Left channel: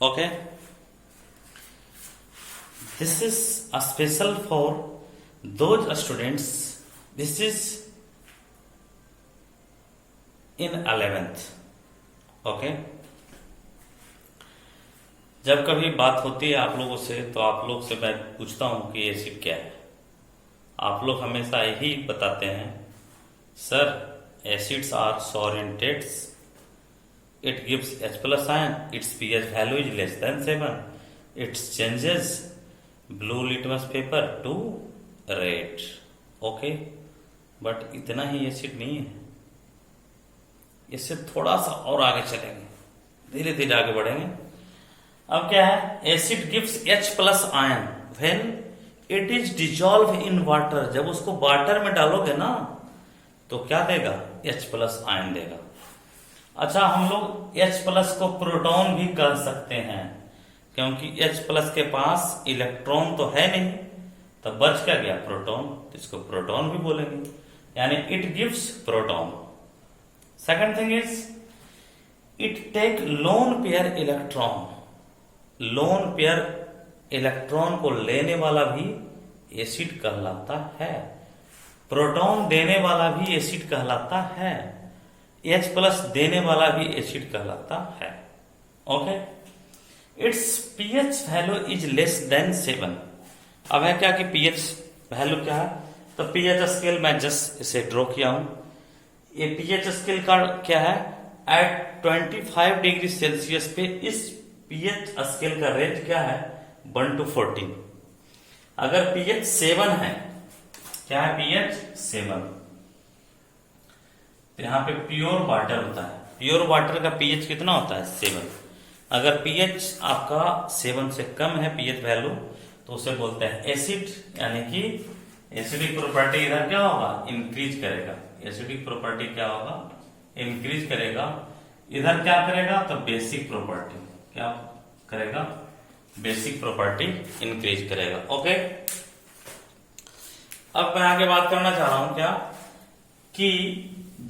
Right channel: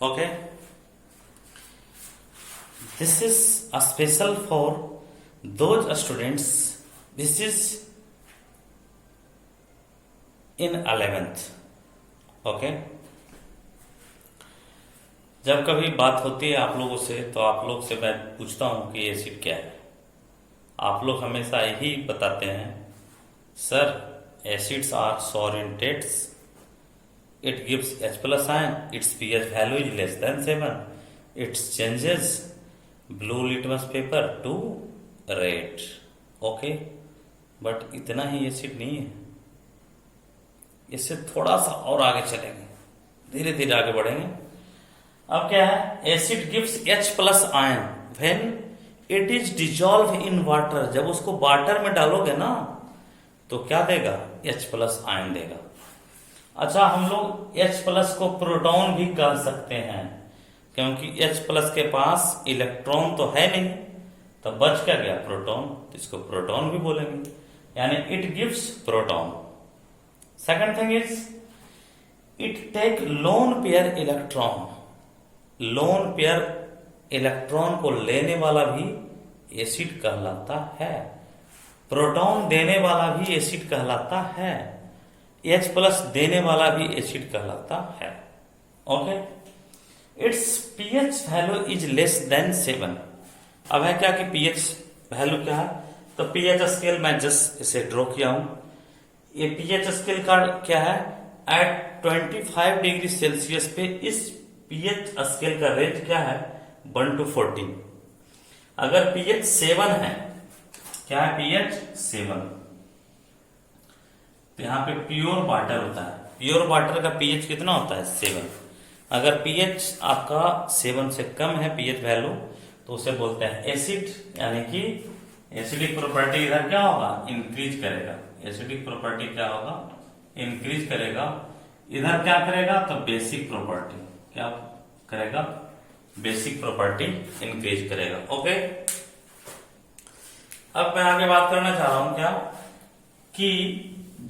Okay, this is a special for those students. This is in 11th. Okay, जब कभी बात होती है आप लोगों से तो आप लोग से मैं पूछता हूं कि एसिड क्या है। आप लोग हमेशा यही बताते हैं, सर एसिड्स आर सॉलिडेट्स, it gives H plus ion, its pH value is less than 7, it changes blue litmus paper to red. Okay, but इतना ही एसिड नहीं है, इससे थोड़ा सा और आगे चलेंगे, धीरे धीरे आगे बढ़ेंगे। अब क्या है, acid gives H plus ion when it is dissolved in water। जब उसको वाटर में डालोगे ना तो क्या देगा, H plus ion देगा। अच्छा, हम लोग H प्लस को प्रोटॉन भी कह सकते हैं, क्योंकि H प्लस के पास इलेक्ट्रॉन तो है नहीं, तब बच क्या गया, प्रोटॉन, तो इसको प्रोटॉन भी बोलेंगे, यानी it gives proton. Second thing is it take lone pair electron. Lone pair electron को लेने वाला भी एसिड कहलाता है, प्रोटॉन देने वाला भी एसिड कहलाता है, H प्लस देने वाला भी एसिड कहलाता है। Okay, it's pH value is less than 7। अब है क्या कि pH वैल्यू क्या है, तो pH स्केल मैं जस्ट इसे ड्रॉ किया हूं। ये pH स्केल का क्या है, एट 25 डिग्री सेल्सियस पे इस pH स्केल का रेंज क्या है, 1 to 14। अगर pH 7 है, क्या है pH 7, तो यहाँ पे प्योर वाटर होता है, प्योर वाटर का पीएच कितना होता है, 7। अगर पीएच आपका 7 से कम है पीएच वैल्यू, तो उसे बोलते हैं एसिड, यानी कि एसिडिक प्रॉपर्टी इधर क्या होगा, इंक्रीज करेगा। एसिडिक प्रॉपर्टी क्या होगा, इंक्रीज करेगा। इधर क्या करेगा, तो बेसिक प्रॉपर्टी क्या करेगा, बेसिक प्रॉपर्टी इंक्रीज करेगा। ओके, अब मैं आगे बात करना चाह रहा हूं क्या, कि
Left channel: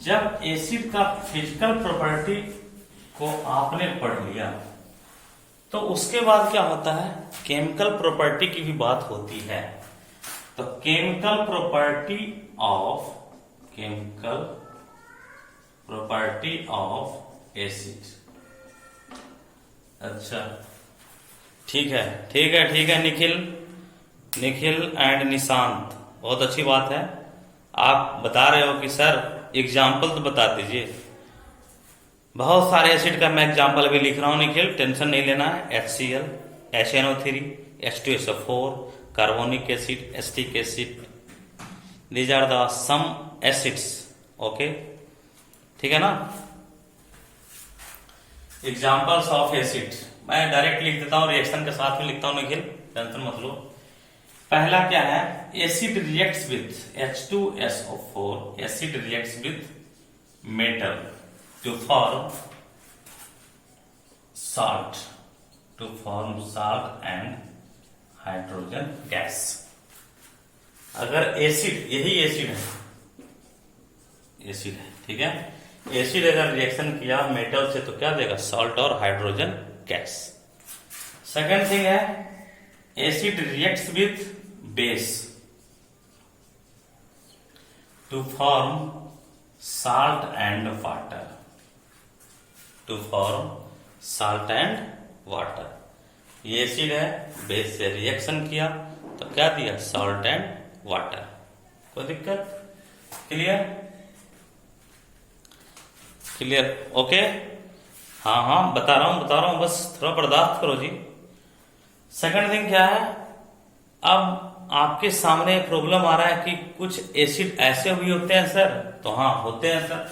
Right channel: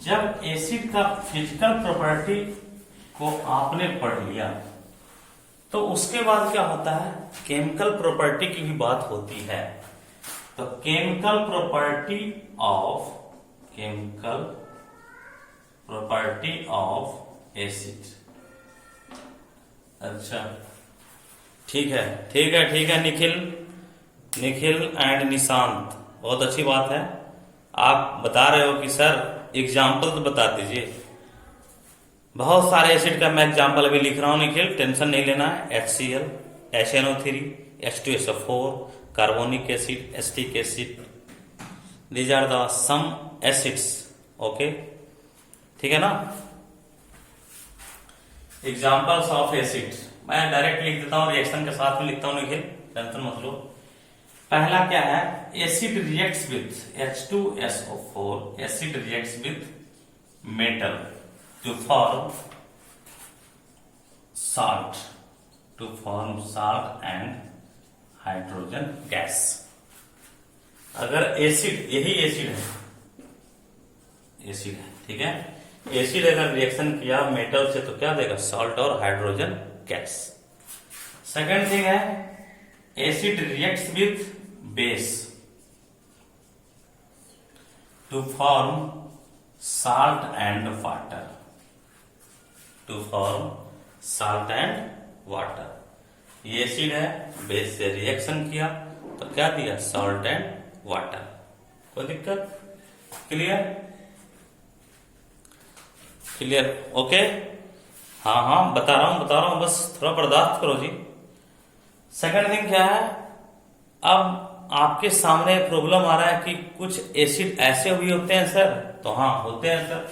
जब एसिड का फिजिकल प्रॉपर्टी को आपने पढ़ लिया तो उसके बाद क्या होता है, केमिकल प्रॉपर्टी की भी बात होती है। तो केमिकल प्रॉपर्टी ऑफ एसिड। अच्छा, ठीक है निखिल एंड निशांत, बहुत अच्छी बात है। आप बता रहे हो कि सर एग्जाम्पल तो बता दीजिए। बहुत सारे एसिड का मैं एग्जाम्पल अभी लिख रहा हूं निखिल, टेंशन नहीं लेना है। HCl, HNO3, H2SO4, carbonic acid, acetic acid, these are the some acids. Okay, ठीक है ना। एग्जाम्पल्स ऑफ एसिड मैं डायरेक्ट लिख देता हूं, रिएक्शन के साथ में लिखता हूं निखिल, टेंशन मत लो। पहला क्या है, acid reacts with H2SO4, acid reacts with metal to form salt and hydrogen gas. अगर एसिड, यही एसिड है, ठीक है, एसिड अगर रिएक्शन किया मेटल से तो क्या देगा, सॉल्ट और हाइड्रोजन गैस। सेकेंड थिंग है, acid reacts with base to form salt and water. ये एसिड है, बेस से रिएक्शन किया तो क्या दिया, सॉल्ट एंड वाटर। कोई दिक्कत, क्लियर ओके। हाँ बता रहा हूं, बस थोड़ा बर्दाश्त करो जी। सेकंड थिंग क्या है, अब आपके सामने प्रॉब्लम आ रहा है कि कुछ एसिड ऐसे भी होते हैं सर, तो हाँ होते हैं सर,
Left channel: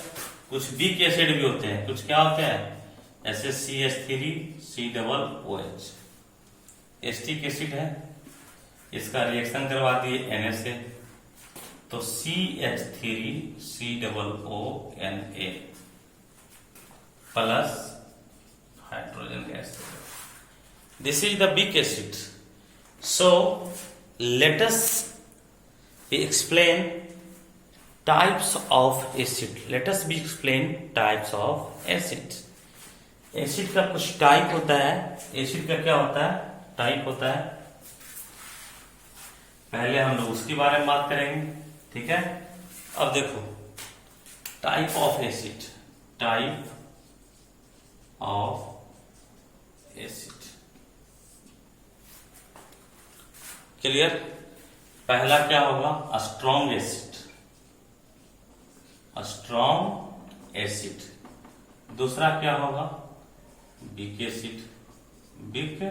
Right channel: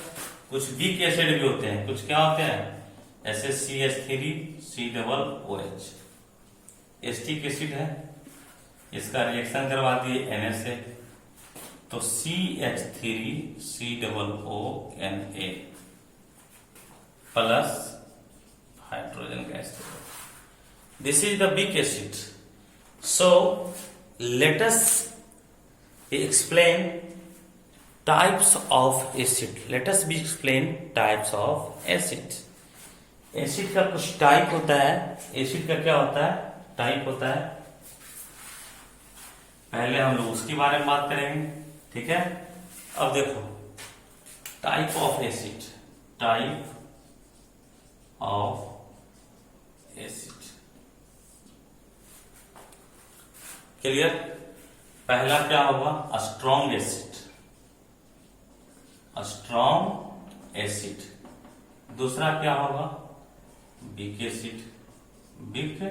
कुछ वीक एसिड भी होते हैं, कुछ क्या होते हैं, ऐसे CH3COOH एसिटिक एसिड है, इसका रिएक्शन करवा दिए Na से, तो CH3COONA plus hydrogen gas. This is the weak acid. So let us explain types of acid. Let us explain types of acid. Acid का कुछ टाइप होता है। एसिड का क्या होता है? टाइप होता है। पहले हम लोग उसके बारे में बात करेंगे, ठीक है। अब देखो, type of acid, type of acid, clear. पहला क्या होगा? Strong acid, strong acid. दूसरा क्या होगा? Weak acid, weak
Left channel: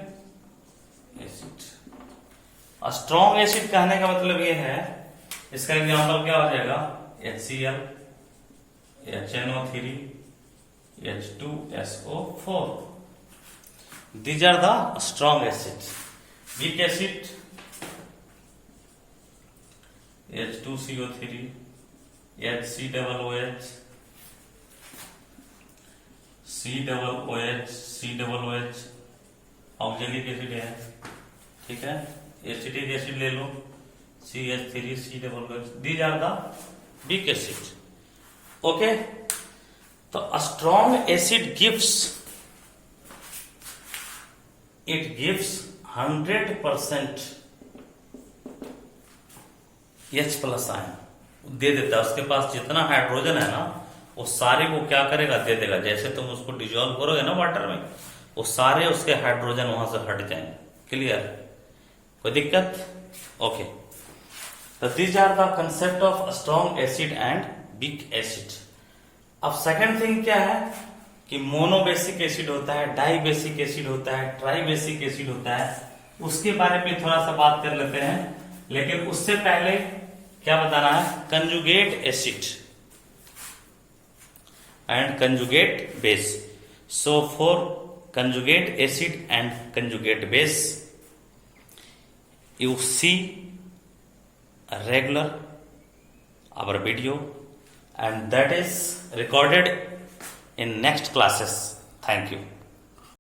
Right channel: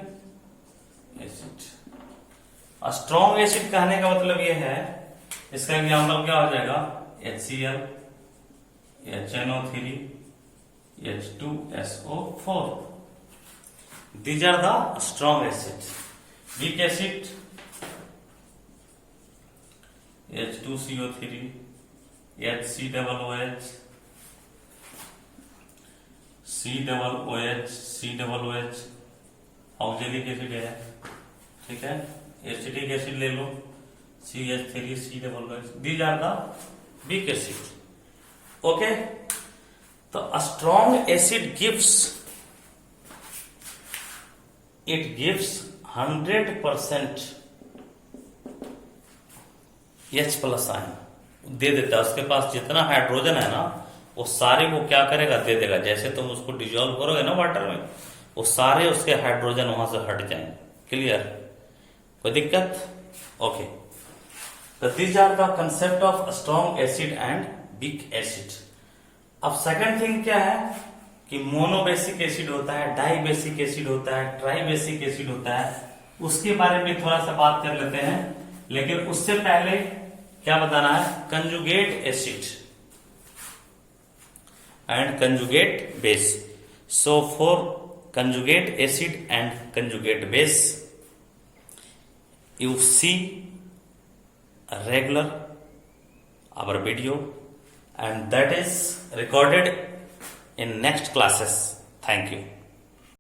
acid. Strong acid कहने का मतलब ये है, इसका एग्जाम्पल क्या हो जाएगा? HCl, HNO3, H2SO4। These are the strong acids. Weak acid, H2CO3, HCOOH, COOH oxalic acid है, ठीक है। एसिटिक एसिड ले लो, CH3COOH। These are the weak acid. Okay, तो strong acid gives 100% H plus ion दे देता है। उसके पास जितना हाइड्रोजन है ना, वो सारे वो क्या करेगा? दे देगा। जैसे तुम उसको डिजोल्व करोगे ना वाटर में, वो सारे उसके हाइड्रोजन वहां से हट जाएंगे। क्लियर? कोई दिक्कत? ओके, तो these are the concept of strong acid and weak acid. अब सेकंड थिंग क्या है कि मोनोबेसिक एसिड होता है, डाई बेसिक एसिड होता है, ट्राई बेसिक एसिड होता है। उसके बारे में थोड़ा सा बात कर लेते हैं, लेकिन उससे पहले क्या बताना है? Conjugate acid and conjugate base. So for conjugate acid and conjugate base, you see a regular our video, and that is recorded in next classes. Thank you.